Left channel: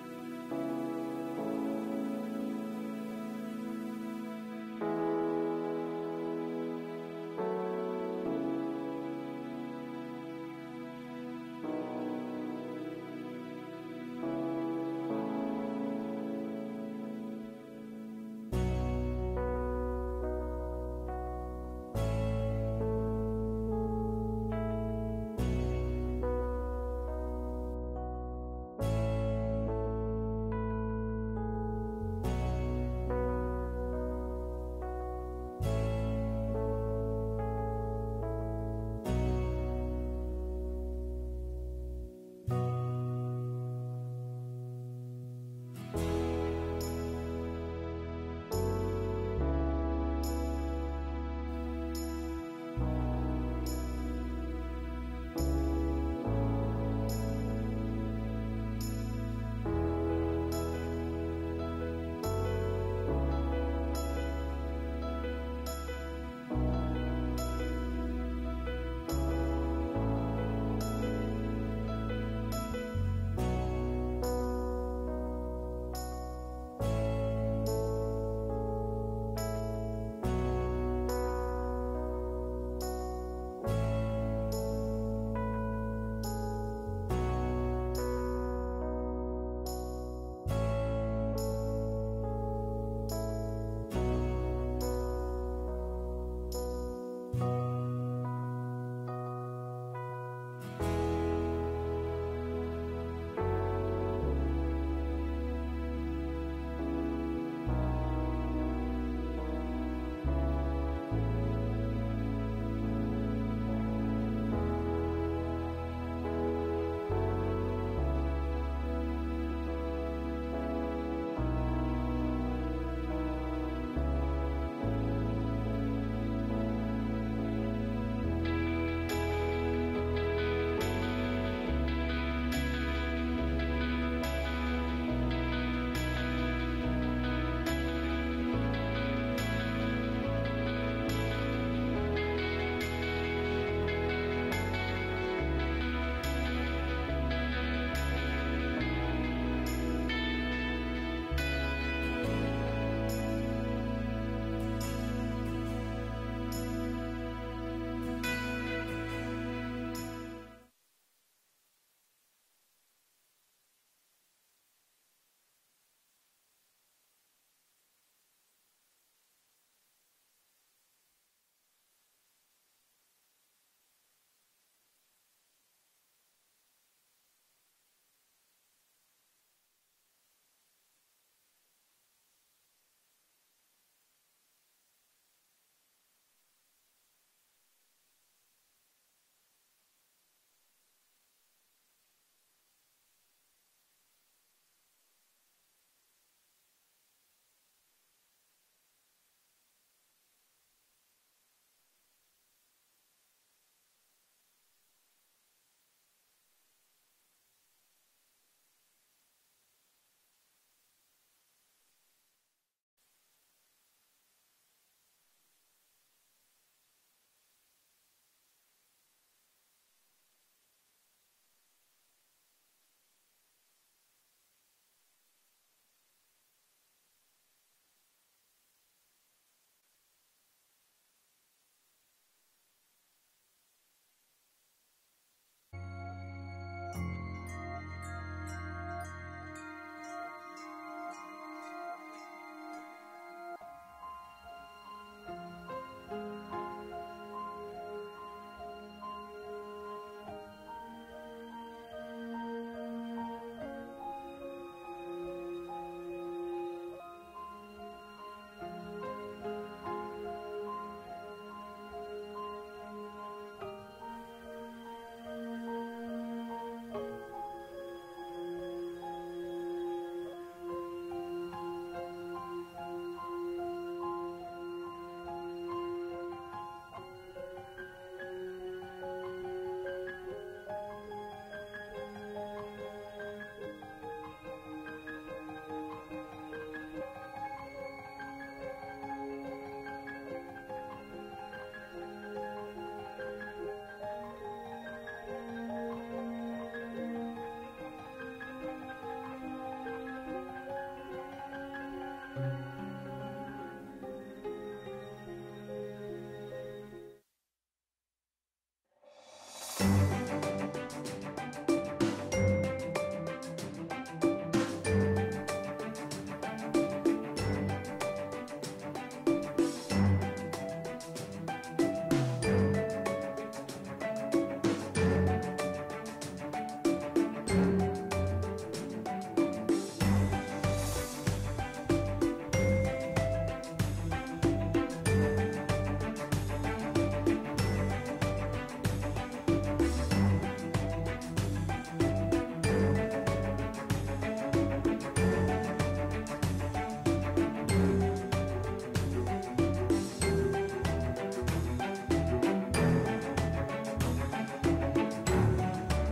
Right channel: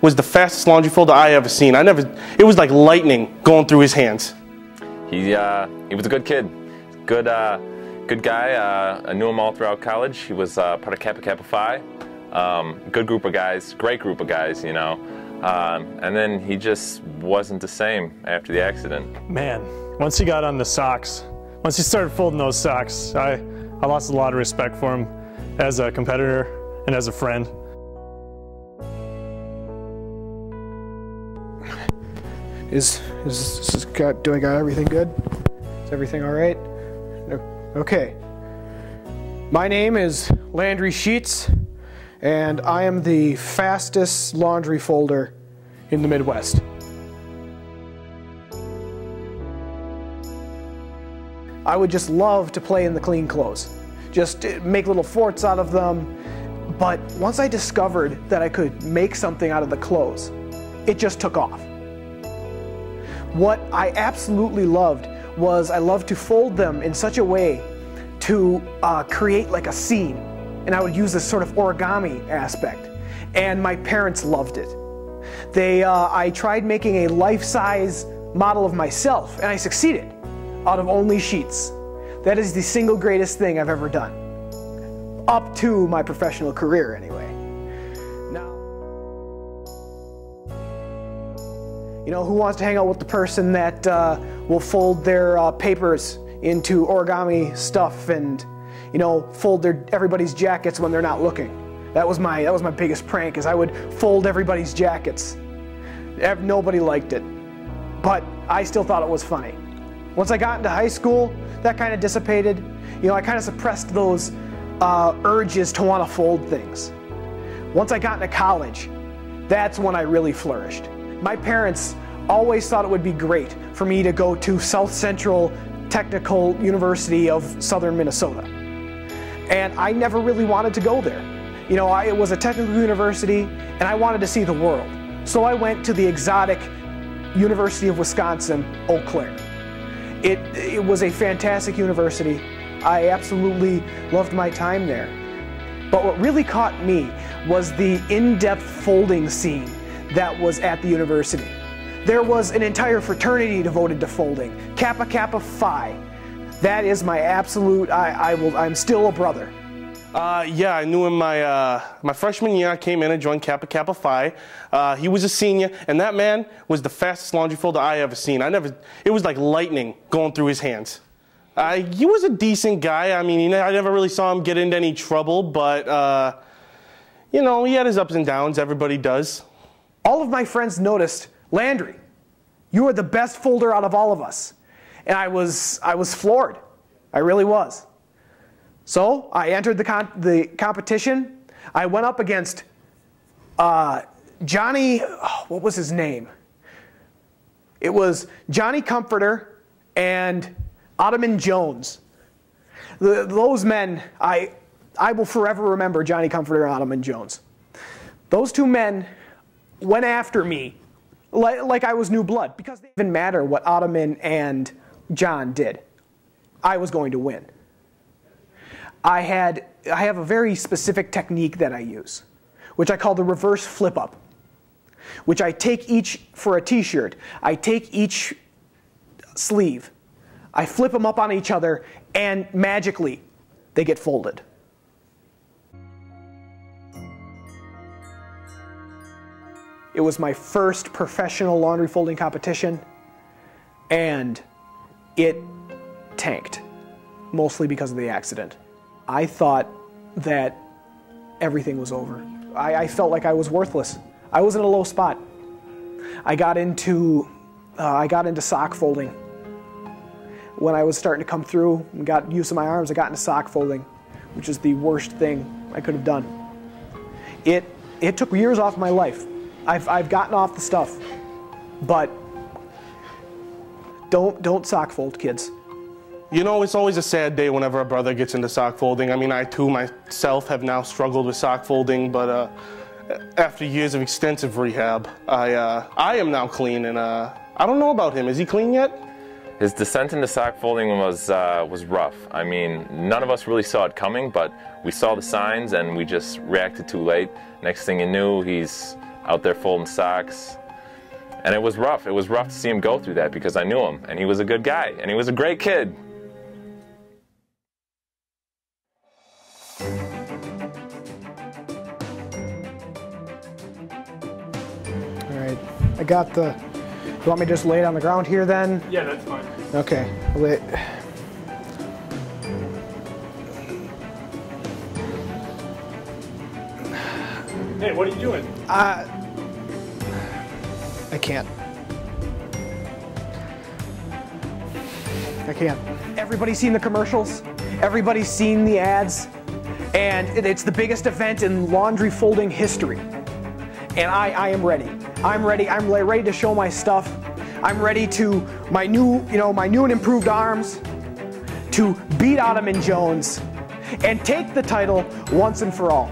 was the fastest laundry folder I ever seen. It was like lightning going through his hands. He was a good kid, good guy. I knew him all throughout college. He was part of Kappa Kappa Phi. Good group of guys, great group of guys, you know. And then he just wasn't the same after the accident. Man, once he got on the socks, once he started folding those socks, I lost a lot of respect for him as a competitor and as a friend. Do I got everything good? Is everything all right? Okay. My name is Landry Sheets, and I am the fastest laundry folder in the Midwest. I would just love to play in the clean clothes, just make little forts out of them. But once I discovered that I could make something out of the clothes, it just took off. What I absolutely loved was I loved to fold them in such a way to create like a scene. And I would use this sort of origami aspect. And my parents loved it. I tried making a life-size model of myself, and I succeeded out of only sheets. That is the single greatest thing I've ever done. Up to my professional career, anyway. You know, who wants to hang out with the person that will fold their papers into origami stuff and, you know, fold everybody's jackets when they're not looking? That was my biggest prank, is I would fold everybody's jackets. Nobody liked it, but I still thought it was funny. Once I got into high school, that kind of dissipated. You know, I kind of suppressed those urges to want to fold things. Once I got into college, that's when I really flourished. My parents always thought it would be great for me to go to South Central Technical University of Southern Minnesota. And I never really wanted to go there. You know, it was a technical university, and I wanted to see the world. So I went to the exotic University of Wisconsin, Eau Claire. It was a fantastic university. I absolutely loved my time there. But what really caught me was the in-depth folding scene that was at the university. There was an entire fraternity devoted to folding, Kappa Kappa Phi. That is my absolute, I'm still a brother. Yeah, I knew him my freshman year. I came in and joined Kappa Kappa Phi. He was a senior, and that man was the fastest laundry folder I ever seen. It was like lightning going through his hands. He was a decent guy. I mean, I never really saw him get into any trouble, but, you know, he had his ups and downs. Everybody does. All of my friends noticed, Landry, you are the best folder out of all of us. And I was floored. I really was. So I entered the competition. I went up against Johnny, what was his name? It was Johnny Comforter and Ottoman Jones. Those men, I will forever remember Johnny Comforter and Ottoman Jones. Those two men went after me like I was new blood, because it didn't matter what Ottoman and John did. I was going to win. I have a very specific technique that I use, which I call the reverse flip up, which I take for a t-shirt, I take each sleeve, I flip them up on each other, and magically they get folded. It was my first professional laundry folding competition, and it tanked, mostly because of the accident. I thought that everything was over. I felt like I was worthless. I was in a low spot. I got into sock folding. When I was starting to come through and got use of my arms, I got into sock folding, which is the worst thing I could have done. It took years off my life. I've gotten off the stuff, but don't sock fold, kids. You know, it's always a sad day whenever a brother gets into sock folding. I mean, I too myself have now struggled with sock folding, but after years of extensive rehab, I am now clean, and I don't know about him. Is he clean yet? His descent into sock folding was rough. I mean, none of us really saw it coming, but we saw the signs and we just reacted too late. Next thing you knew, he's out there folding socks. And it was rough. It was rough to see him go through that because I knew him, and he was a good guy, and he was a great kid. All right, I got the, you want me to just lay it on the ground here then? Yeah, that's fine. Okay, wait. Hey, what are you doing? I can't. I can't. Everybody's seen the commercials. Everybody's seen the ads. And it's the biggest event in laundry folding history. And I am ready. I'm ready. I'm ready to show my stuff. I'm ready to, my new and improved arms, to beat Ottoman Jones and take the title once and for all.